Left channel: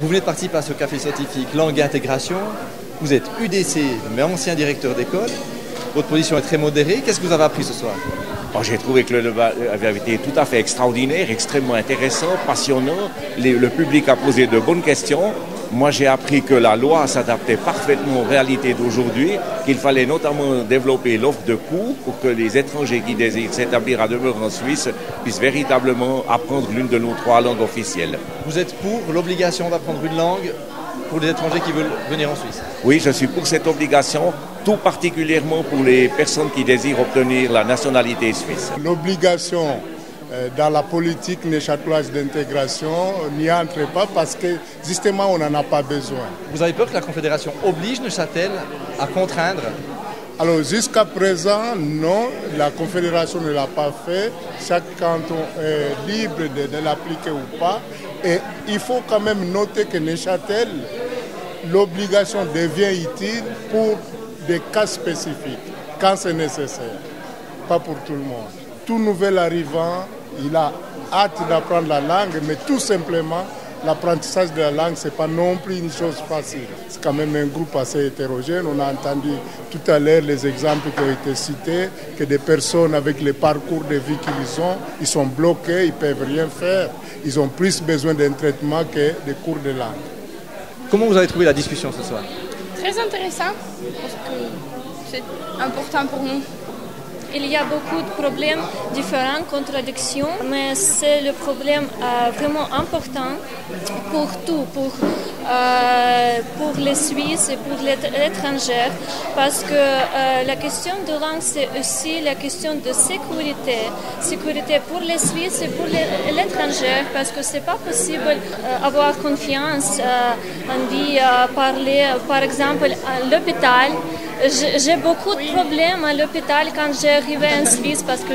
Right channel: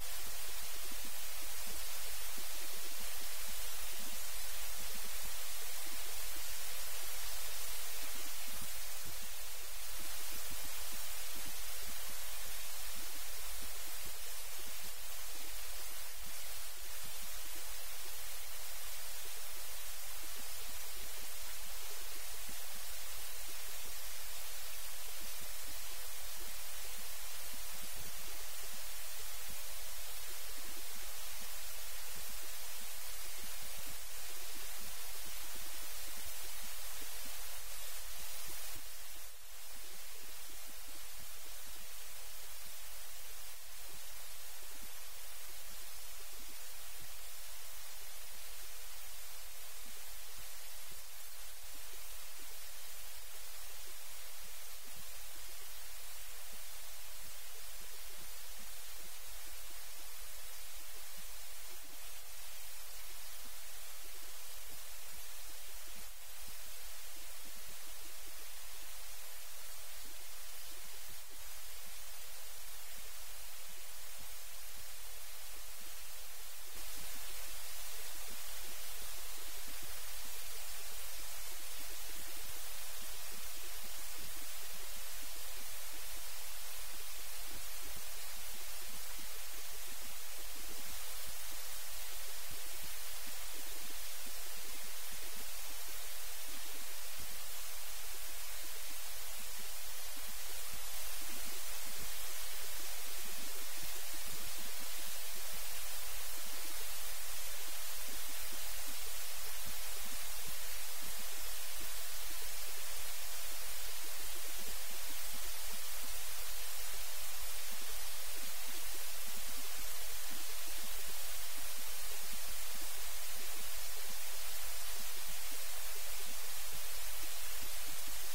Vous venez de participer à ce café scientifique Langue et Intégration. Vous êtes UDC, mais ancien directeur d'école. Votre position est très modérée. Qu'est-ce que vous avez appris ce soir? J'ai trouvé que le débat avait été tout à fait extraordinaire, extrêmement intéressant, passionnant. Le public a posé de bonnes questions. Moi, j'ai appris que la loi s'adaptait parfaitement aux réalités d'aujourd'hui, qu'il fallait notamment développer l'offre de cours pour que les étrangers qui désirent s'établir à demeure en Suisse puissent véritablement apprendre l'une de nos 3 langues officielles. Vous êtes pour l'obligation d'apprendre une langue pour les étrangers qui veulent venir en Suisse? Oui, je suis pour cette obligation, tout particulièrement pour les personnes qui désirent obtenir la nationalité suisse. L'obligation dans la politique neuchâteloise d'intégration n'y entre pas parce que justement on n'en a pas besoin. Vous avez peur que la Confédération oblige Neuchâtel à contraindre? Alors jusqu'à présent, non, la Confédération ne l'a pas fait. Chaque canton est libre de l'appliquer ou pas. Et il faut quand même noter que Neuchâtel, l'obligation devient utile pour des cas spécifiques, quand c'est nécessaire, pas pour tout le monde. Tout nouvel arrivant, il a hâte d'apprendre la langue, mais tout simplement, l'apprentissage de la langue, ce n'est pas non plus une chose facile. C'est quand même un groupe assez hétérogène. On a entendu tout à l'heure les exemples qui ont été cités, que des personnes avec les parcours de vie qu'ils ont, ils sont bloqués, ils ne peuvent rien faire. Ils ont plus besoin d'un traitement que des cours de langue. Comment vous avez trouvé la discussion ce soir? Très intéressant, parce que c'est important pour nous. Il y a beaucoup de problèmes différents, contradictions, mais c'est le problème vraiment important pour tout, pour les Suisses et pour les étrangers, parce que la question de langue, c'est aussi la question de sécurité. Sécurité pour les Suisses et pour l'étranger, parce que c'est pas possible avoir confiance. On dit parler, par exemple, à l'hôpital. J'ai beaucoup de problèmes à l'hôpital quand j'arrive en Suisse parce que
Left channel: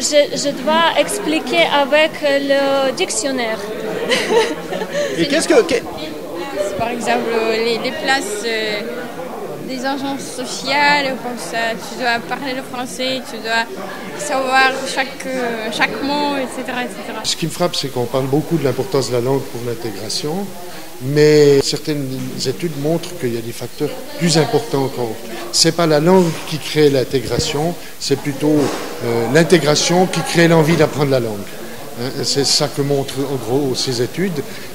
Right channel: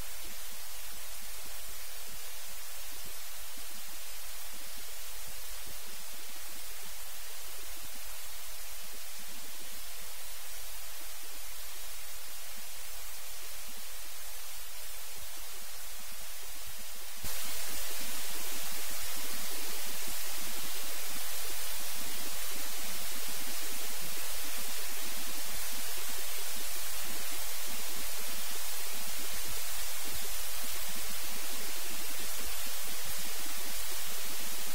je dois expliquer avec le dictionnaire. Et qu'est-ce que... Par exemple, les places des agences sociales, comme ça, tu dois parler le français, tu dois savoir chaque mot, etc., etc. Ce qui me frappe, c'est qu'on parle beaucoup de l'importance de la langue pour l'intégration, mais certaines études montrent qu'il y a des facteurs plus importants encore. Ce n'est pas la langue qui crée l'intégration, c'est plutôt l'intégration qui crée l'envie d'apprendre la langue. C'est ça que montrent en gros ces études.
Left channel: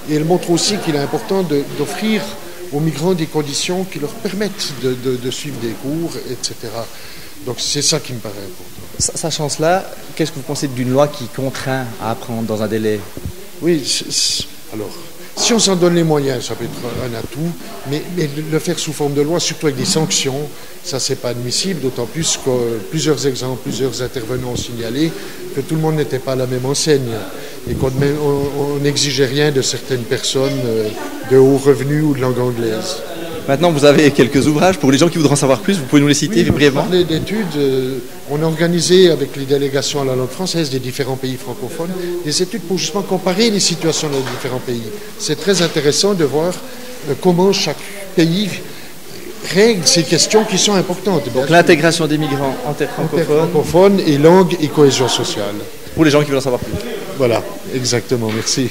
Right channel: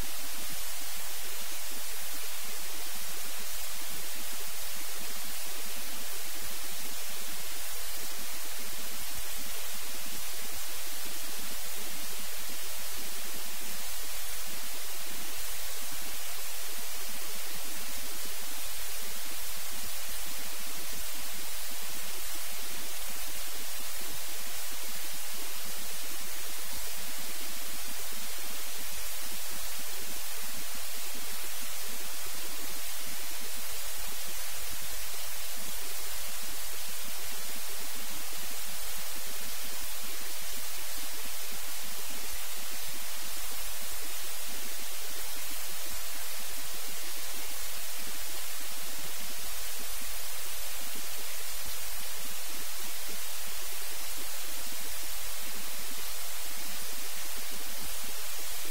Et elles montrent aussi qu'il est important d'offrir aux migrants des conditions qui leur permettent de suivre des cours, etc. Donc c'est ça qui me paraît important. Sachant cela, qu'est-ce que vous pensez d'une loi qui contraint à apprendre dans un délai? Oui, alors... Si on s'en donne les moyens, ça peut être un atout, mais le faire sous forme de loi, surtout avec des sanctions, ça c'est pas admissible, d'autant plus que plusieurs exemples, plusieurs intervenants ont signalé que tout le monde n'était pas à la même enseigne et qu'on n'exigeait rien de certaines personnes de haut revenu ou de langue anglaise. Maintenant, vous avez quelques ouvrages. Pour les gens qui voudront en savoir plus, vous pouvez nous les citer brièvement? Pour parler d'études, on a organisé avec les délégations à la langue française des différents pays francophones des études pour justement comparer les situations dans les différents pays. C'est très intéressant de voir comment chaque pays règle ces questions qui sont importantes. Donc l'intégration des migrants en terre francophone et langue et cohésion sociale. Pour les gens qui veulent en savoir plus. Voilà, exactement, merci.